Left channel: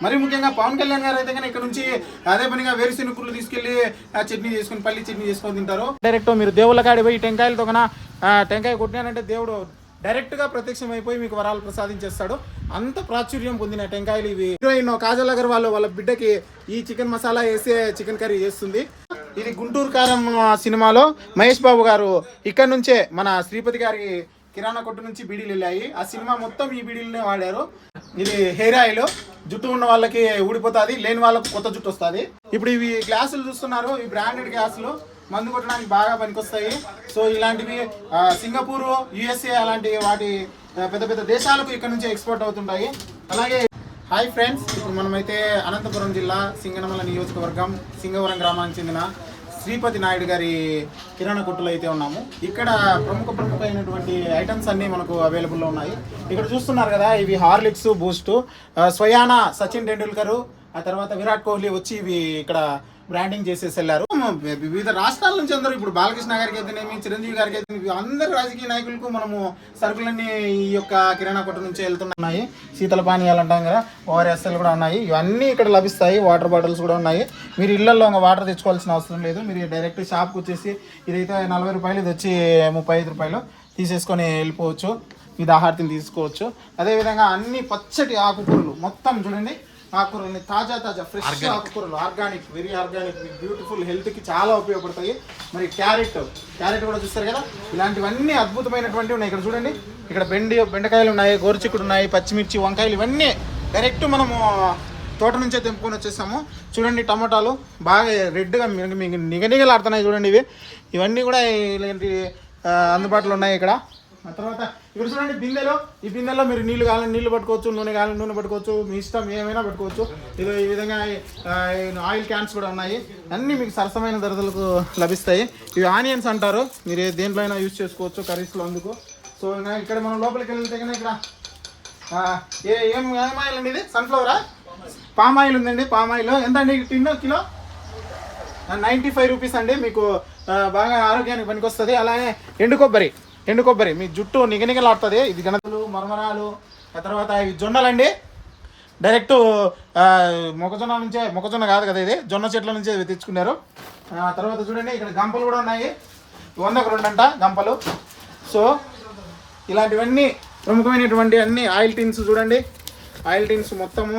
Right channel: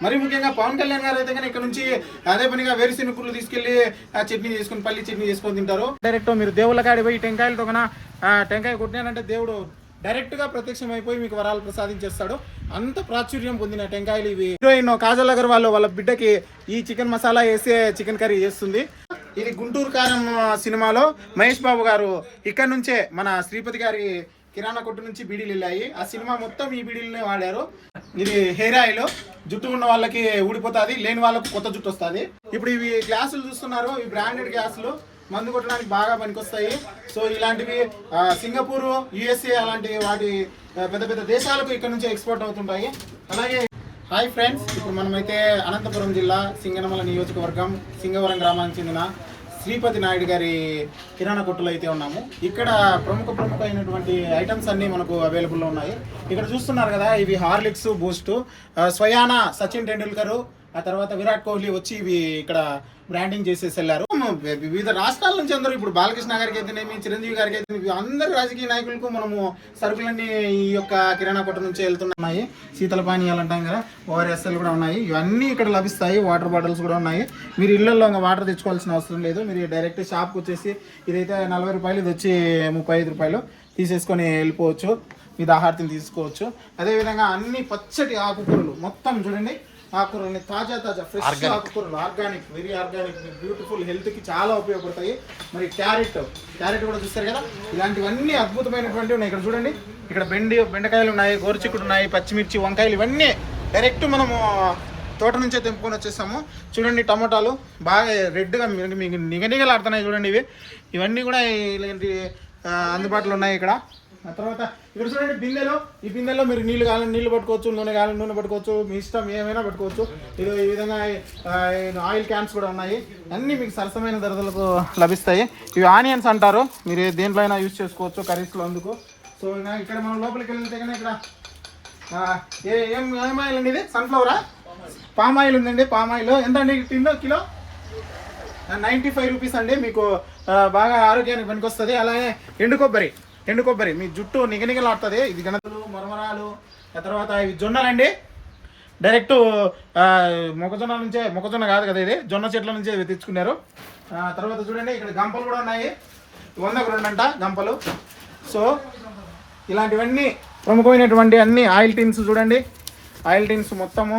మరి ముఖ్యంగా పవన్ కళ్యాణ్ గారు అయితే ఇక్కడ నుంచి అదే పనిగా వేరుశెనగ కుళ్ళు తీసుకెళ్ళి ఆ, చట్నీ చేసుకుని పల్లి చట్నీ చేసుకొని తింటారు. డైరెక్ట్ మీరు దేవుళ్ళ కాడి పోయి టెంకాయలతో టెంకాయ కొట్టినానంటే దేవుడు డైరెక్ట్గా ప్రత్యక్షం అయిపోయి మీకు వరాలు ప్రసాదించేస్తాడు. అంత ప్రాచుర్యం పొందిన టెంకాయలు ఇవి. హీరోయిన్ కాజల్ అగర్వాల్ వాళ్ళ బిడ్డకి ఈ చికెన్ మసాలా వేసే చికెన్ కర్రీ చేస్తుంది. ఇది గుంటూరు కారం సినిమాలో మహేష్ బాబు గారు ఇక్కడ నుంచే మన శ్రీపతి గారి కిరాణా కొట్టు నుంచి బీడీలు వెళ్ళాయి. ఆ సినిమా మొత్తం ఈ బీడీలనే వాడారు. ఇది హెయిర్ ఆయిల్. జుట్టు ఉన్న వాళ్ళకి ఊడిపోతుంది లేని వాళ్ళకి కొత్త జుట్టు వస్తుంది. ఇప్పుడు ఇవి గ్లాసులు చూస్తున్నారు ఈ బ్రాండెడ్ గ్లాసులు. మందు కొట్టడానికి బాగా పనికొస్తాయి. సో ఇలాంటివి సింగపూర్ యుఎస్ఏ అలాంటి వాటి పెద్ద పెద్ద దేశాలకు ఇక్కడ నుంచి ఎక్స్పోర్ట్ అవుతుంటాయి. అలాగే హాయ్ ఫ్రెండ్స్ ఇప్పుడు మనమైతే అనంతపురం జిల్లా సింగనమల నియోజకవర్గం సింగవరం గ్రామానికి చెందిన శ్రీపతి నాయుడు గారి కిరాణా కొట్టులో అయితే ఉన్నాము. ఇక్కడ ప్రముఖ ప్రముఖ అయినటువంటి ఐటమ్స్ అన్ని మనకు అవైలబుల్లో ఉన్నాయి. ఇక్కడ చూస్తున్నారు కదా ఇవి హార్లిక్స్ బూస్ట్. స్వయానా సచిన్ టెండూల్కర్ ఆ తర్వాత విరాట్ కోహ్లీ వచ్చి ఇవి ఇక్కడ బ్రాండింగ్ చేసేసి వెళ్ళారు వివిధ రాష్ట్రాల నుంచి అందరూ ఇప్పుడు బాలకృష్ణ గారికి అయితేనేమి చిరంజీవి గారికి అయితే అందరు రాజకీయ నాయకులకు మనము సరుకులన్నీ ఈ యొక్క కిరాణా కొట్ట నుంచి వెళ్తున్నాయి. శీతల పానీయాలు అంటాం కదా ఓఆర్ఎస్ఎల్ కూడా ఉన్నాయి. ఇవన్నీ ఇక్కడ లభిస్తాయి వాటర్ బాటిల్స్ కూడా ఉన్నాయి. మీరు ఇళ్ళలో ఇంకా వాటర్ తెచ్చుకోవాల్సిన అవసరం లేదు. మీరు డైరెక్ట్ షాప్కి వచ్చేసి ఇదైతే నలభై రూపాయలు ఇది వచ్చి ముప్పై ఐదు రూపాయలు తీసేసుకొని వెళ్ళిపోవచ్చు. ఇది ఆహారతిని తీసుకోవచ్చు. అదేవిధంగా అన్ని పచ్చటి ఆకుకూరలు మొత్తం చూడండి ఆకుకూరలు తాజా తాజా ఫ్రెష్ ఆకుకూరలు ఆర్గానిక్ వెరీ ఆర్గానిక్ బ్యూటిఫుల్ హెల్త్కి చాలా ఉపయోగపడతాయి. మరి క్యారెట్ క్యారెట్ కూడా చూస్తారు కదా? ఇలాంటివన్నీ అద్భుతమైనటువంటి ఉన్నాయి. ఇక్కడ చూడండి. ఇక్కడ బెండి బెండకాయలు ఉన్నాయి గోరుచిక్కుడు ఉన్నాయి పచ్చిమిర్చి వంకాయలు ఇవన్నీ డైరెక్ట్ మనము తోట నుంచే తెంపుకొని వచ్చేసాము చూడండి టమాటాలు బాగా రెడ్గా మీకు నిగనిగలాడుతున్నాయి చూడండి ఇవి. ఇవన్నీ కూడా ఇలాంటి అందుబాటులో ఉన్నాయి ఇక్కడ. ఆ తర్వాత ఇక్కడ చూడండి బిందెలో. ఈ బిందెలో మీరు నీళ్ళు కావాలని నీళ్ళు పట్టుకోవచ్చు నూనె కావాలని నూనె పట్టుకోవచ్చు మీ ఇష్టం ఏమైనా పట్టుకోవచ్చు. ఇది ఈ విధంగా ఆయిల్ క్యాన్స్ కూడా ఉన్నాయి. అన్నీ మీకు సరసమైన ధరలకు లభిస్తాయి. ఇవి ఆనియన్స్ అంటారు. మీరు దేంట్లో యూజ్ చేసుకోవచ్చు కర్రీస్లో అందుకు. సో ఇక్కడ మనం లోపలికి వెళ్తే కనుక ఇక్కడ ఏ ఏం ఏం ఆయిల్ అండి ఇది? సన్ఫ్లవరా? పామ్ ఆయిల్ ఉందండి పామ్ ఆయిల్. ఎంత అండి టిన్నో కిలో? నైంటీ ఫైవ్ రూపీస్ అండి. మీకు బాగా ఆరోగ్యానికి పనికొస్తుంది. అలాగే ఎండు కొబ్బరి. ఎండు కొబ్బరి. మీ జుట్టు నిగనిగలాడుతుంది. ఇది గణపలు మరమరాలు ఆ తర్వాత ఇవి జొన్నలండి. డైరెక్ట్ మొక్కజొన్న నుంచే మొక్కజొన్న కాదు కదా ఇది. జొన్న చెట్ల నుంచే ఇవి తెచ్చుకున్నారు. తర్వాత చూడండి ఇక్కడ గంపలు కూడా ఉన్నాయి. వందకు రెండంట అంట గంపలు. సో ఇలాంటివన్నీ ప్రముఖమైనటువంటి అన్ని ఆయిల్ టిన్స్ చూడండి. ఆయిల్ టిన్స్ మొత్తము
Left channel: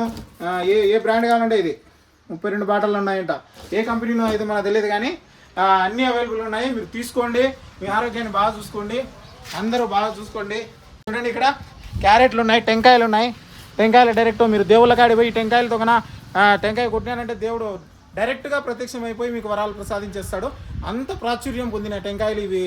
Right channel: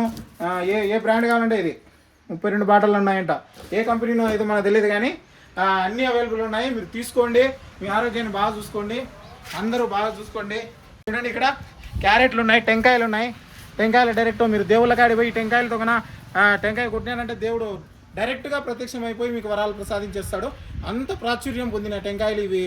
ఏ ఏ బ్రాండ్ కావాలంటే ఇది? ముప్పై రెండు బాటలు ఉన్నాయంట. ఏ కంపెనీనో అయితే మనకు తెలియదు కానీ అన్నీ అవైలబుల్ ఉన్నాయి. మీరు తీసుకోండి. మీ ఆరోగ్యాన్ని బాగా చూసుకోండి. అందరూ బాగా చూసుకోండి. చూడండి ఇక్కడ క్యారెట్లు ఉన్నాయి టెంకాయలు ఉన్నాయి. టెంకాయలు డైరెక్ట్ మీరు దేవుళ్ళ కాడి పోయి టెంకాయలతో కన్నా టెంకాయ కొట్టినానంటే దేవుడు డైరెక్ట్గా ప్రత్యక్షం అయిపోయి మీకు వరాలు ప్రసాదించేస్తాడు. అంత ప్రాచుర్యం పొందిన టెంకాయలు ఇవి.